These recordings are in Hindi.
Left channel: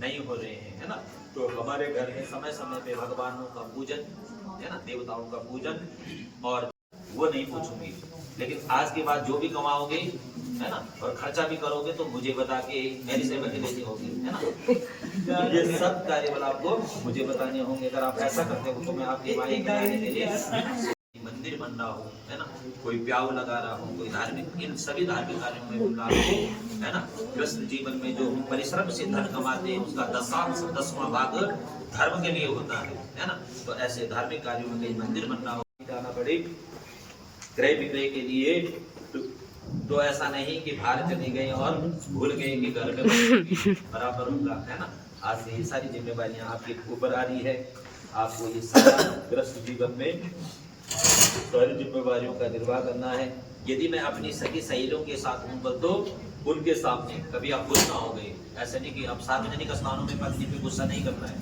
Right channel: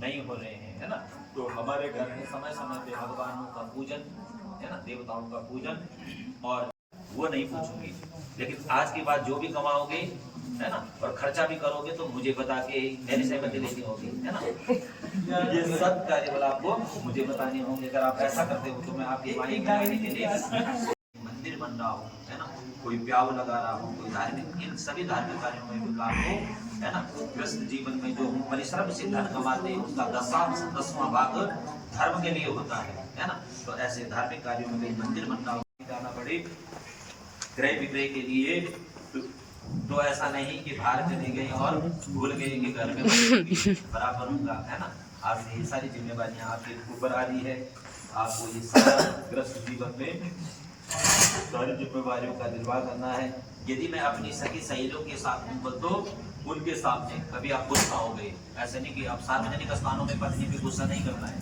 नहीं हो रहे हैं, है ना। तो हमारे घर में समय समय पे भगवानों का पूजन, है ना, देवताओं का पूजन, और वो नहीं पूछूंगी। लेकिन आज के बाद जो भी कमाओगे, है ना, और खर्चा भी करोगे तो मुझे बता के मेरी सहमति लेनी होगी, है ना। ये सब कार्य बल आपको मुझे बताने होंगे। अगर आप ऐसा करते हो तो मैं आपके मायने के लिए मंदिर बन रहा हो, है ना, कोई प्याव लगा रहा हो, कोई धार्मिक, इन सभी धार्मिक कार्यों में मिल रहा हो, है ना। गृहस्थ जीवन में जो परिश्रम से धन कमाते हैं उसका 10वां भाग धर्म के लिए होता है ना। तो ऐसे धार्मिक कार्यों में कहीं मंदिर बनना हो, जाना पड़े क्रय विक्रय के लिए, तो ऐसा नहीं कि बाहर चले गए और भूल गए कि घर में बराबर होगा, है ना। आज से ये सारी जिम्मेवारियां आपके ऊपर आ रही है। आपको ये सारा गृहस्थ जीवन में सारी जिम्मेवारियों का निर्वाह करना है। यदि मैं अपनी सगी सहेलियों के साथ हूँ तो उनके सामने कभी आप गुस्सा हो गए, ऐसा नहीं कि आप सार्वजनिक स्थानों में पत्नी पे गुस्सा नहीं करना है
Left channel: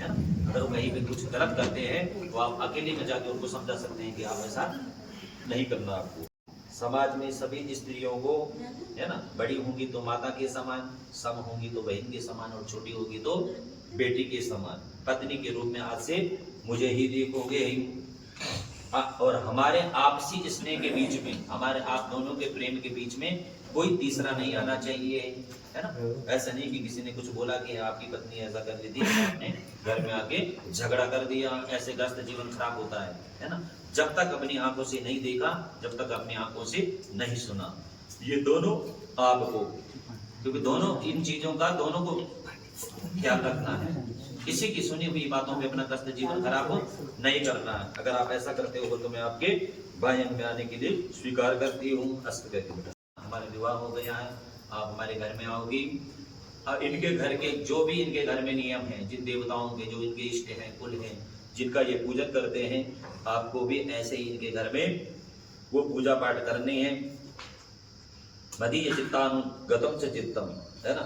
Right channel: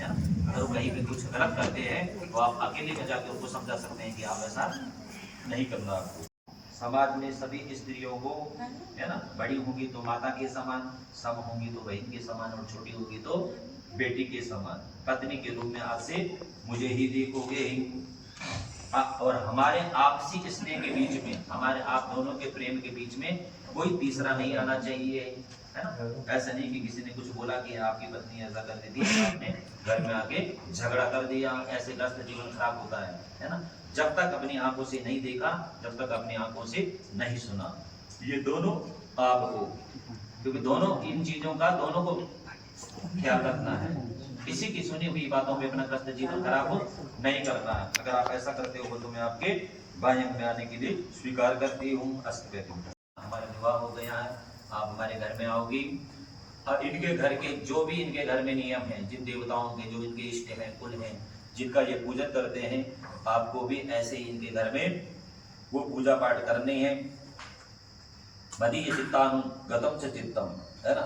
ना। अगर वो कहीं पे कुछ गलत करते हैं तो आप अकेले में जाकर उनको समझा सकते हैं कि आप ऐसा नहीं करना। आपको समाज में सभी स्त्रियों को, है ना, बड़ी होंगी तो माता के समान, सम होंगी तो बहन के समान, और छोटी होगी तो बेटी के समान, पत्नी के रूप में आज से मुझे ही देखोगे। और हमारे आपसी स्नेह के बीच में, हमारे आप दोनों के प्रेम के बीच में कोई तीसरा नहीं आना चाहिए, है ना। ऐसा नहीं कि किसी ने कुछ बोला कि आपकी पत्नी ऐसा कर दी थी, आपने घर में आके झगड़ा कर दिया, ऐसे ग्रस्त जीवन खराब होता है ना। जब तक अपनी आंखों से नहीं देखा, जब तक अपनी आंखों से नहीं सुना, ये दोनों आपको, क्योंकि दोनों इन चीजों का दोनों को ख्याल रखना है। किसी की सुनी हुई बातों में अपना ग्रस्त जीवन खराब नहीं करना है। अगर आप ऐसा करते हो तो मैं आपके भाई में आने के लिए स्वीकार करती हूँ। हमारा विवाह हो गया है, आप हमारे घर में आओगी। इनके घर के जो भी इनके घर में नियम हैं, जिन देवताओं के जो इनके इष्ट हैं, कुल हैं, जिनका ये पूजन करते हैं, आपको भी ऐसे ही इनके घर में वो पूजा पाठ करनी है। मदीय चित्तानुगतम च चित्तम, है ना।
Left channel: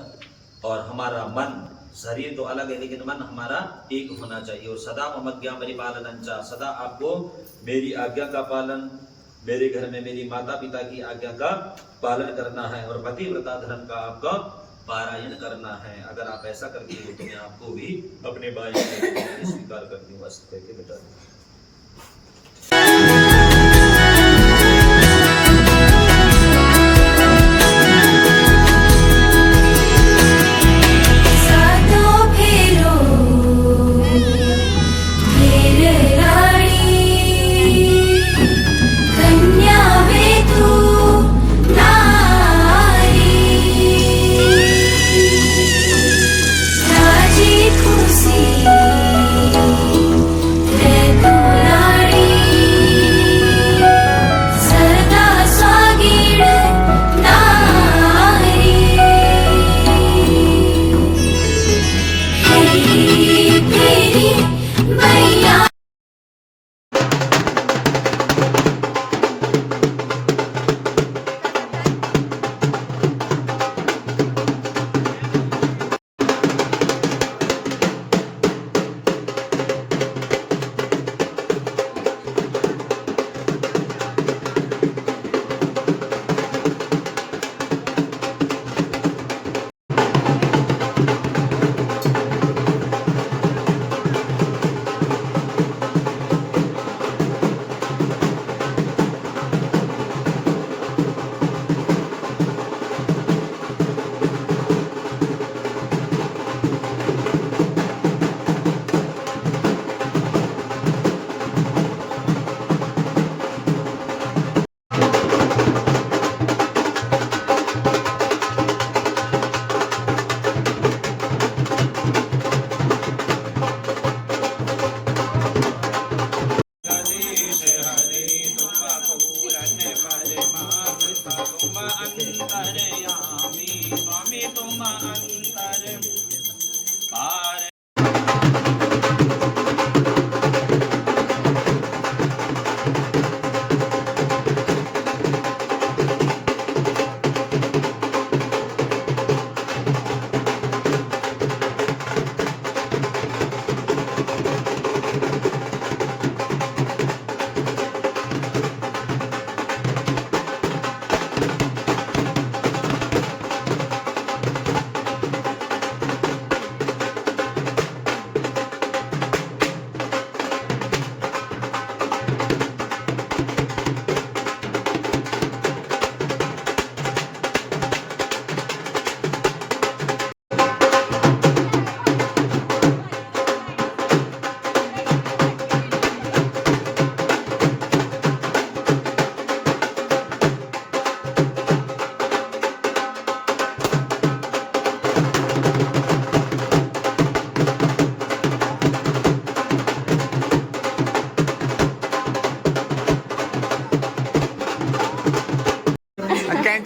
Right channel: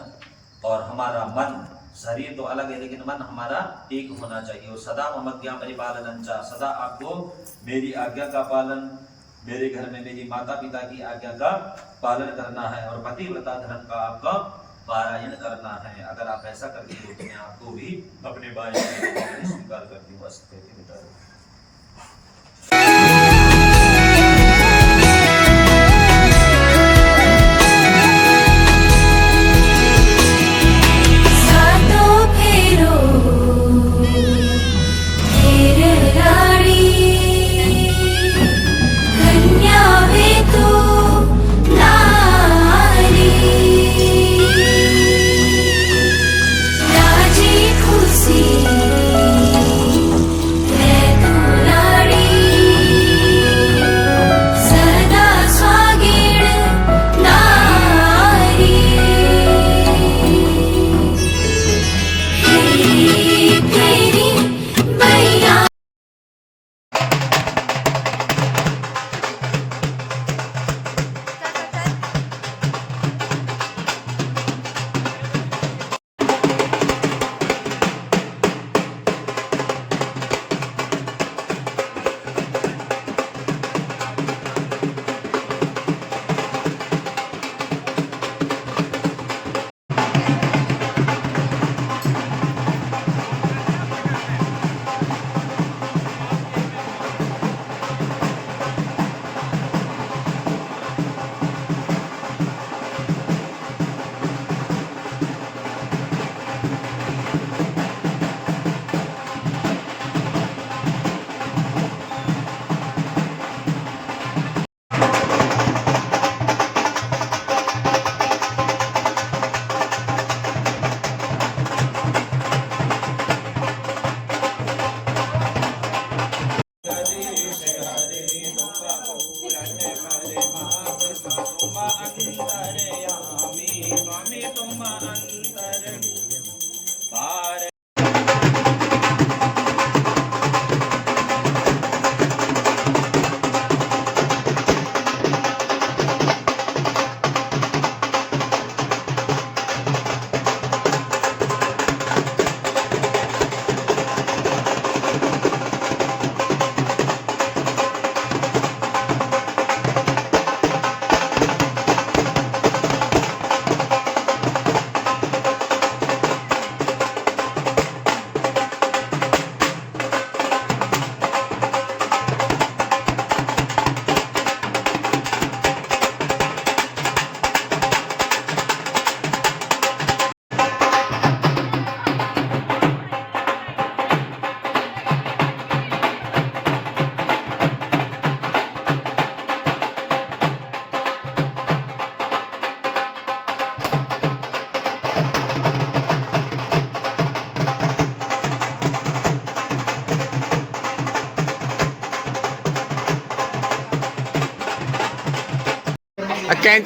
और हमारा मन, शरीर तो अलग है लेकिन मन हमारा एक होना चाहिए। और सदा ममज्ञा परिपालन, सदा आपको मेरी आज्ञा का पालन, मेरे घर में मेरी माता पिता की आज्ञा का पालन करना है, और पतिव्रता धर्म का आपका पारायण करना है। अगर आप ऐसा करते हो तो मैं आपको भी अपने भाई स्वीकार करती हूँ। बता खुशी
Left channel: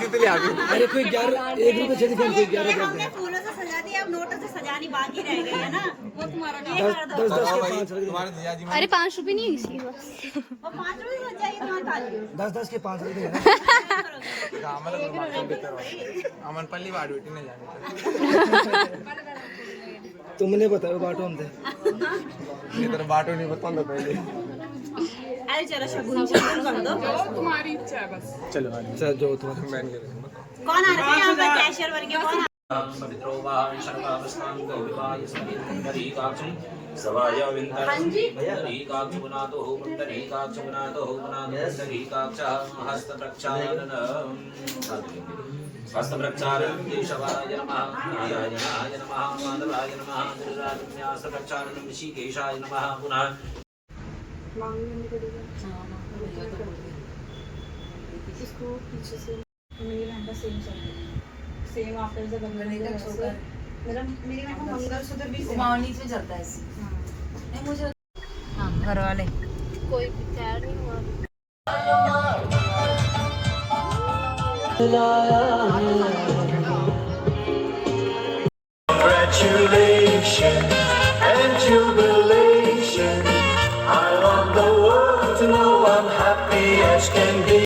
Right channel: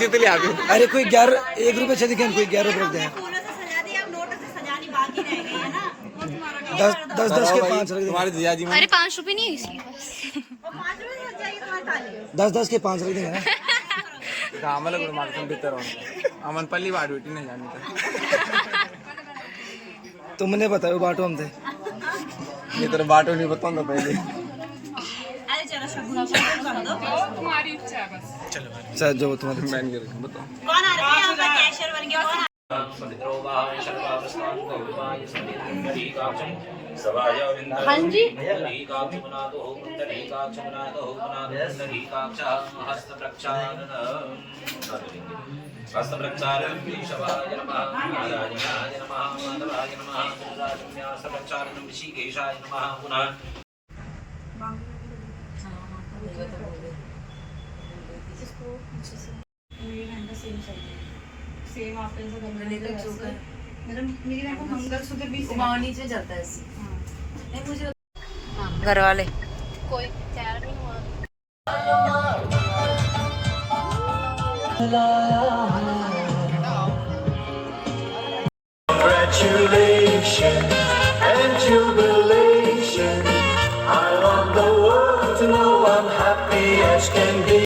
तितली आ गई। अरे कोई 11 1 रुपए से दिखे, कोई 11 रुपए दे। फूलों से सजा दिया, अब नोटों से सजानी बाकी रह गई है ना, वो तुम्हारा काम। 10 के 5 रख तुम्हारे देंगे। जिया जी अरे 5 रुपए नहीं है इसलिए बस। और 5 रुपए से सजाइए तुम्हारी थाली। 10 के 5 रख देंगे ना। आम्हाला भीतर आम्हाला पल्ली वाट भेटी नाही जाणे तुमने बताओ बाटो हम थे। मी तर बाटो नाही बताऊंगा पहिले। अरे चलो शगुन कर दो। चलो सर जो तुम्हारे मैं नहीं करूंगा बताओ। कौन आ रहा है यहाँ पे? कैशियर बन गया कौन? पवित्रो वाह शर्वावस्तान गौरवाय सवितुंडरीकाक्षं सवाय विन्दनं पुंडरीकाक्षुनातो पुंडरीकाक्षुनातो पुंडरीकाक्षः हस्तप्रक्षालनम् हस्तप्रक्षालनं केशवाय नमः नारायणाय नमः माधवाय नमः हस्तप्रक्षालनं ऋषिकेशाय नमः पुनः इसको पीछे से मेरी बहन का सेम सेम आप ऐसे गले का चोकर मेरा मेरी बहन को मंगलसूत्र भी मावनी से चलता है इससे। नहीं मुझे घर वाले कोई तैयार नहीं हुआ। Congratulations and jubilation. I want the world to know I'm happy as can be.